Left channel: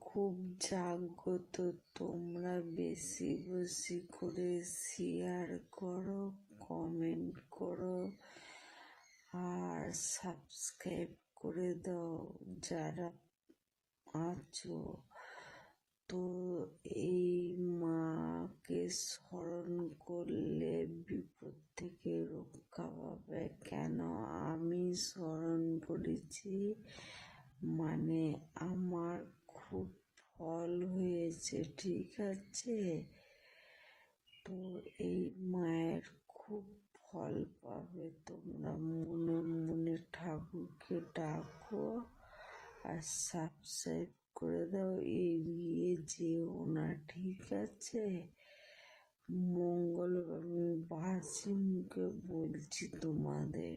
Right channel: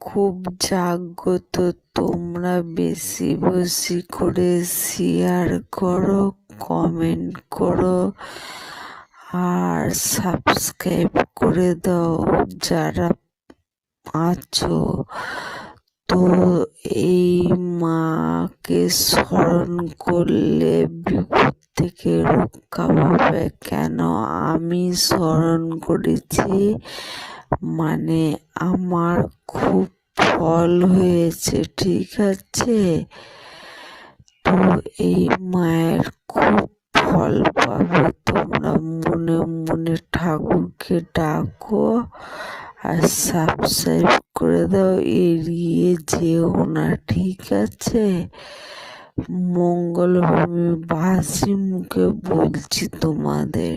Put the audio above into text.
খুব জাগ্রত। তোমরা বেশি বেশি করে শেয়ার করো, কমেন্ট করো আর সাবস্ক্রাইব করে দাও যারা আছো। তো এই মাকে স্মরণ করলে বিপদ থেকে রক্ষা পাবে। কেন আমি স্মরণ করেছি মানে আমার খুব ফল হয়েছে, ঠিক আছে? তো এই মায়ের খুব ফল পাবে। তোমরা মনে মনে ঠাকুরকে ডাকো আর সাবস্ক্রাইব করে দাও, এড়িয়ে যেও না, ঠিক আছে? মঙ্গলভূমি বাসি মুখে বলছি তোমাদের।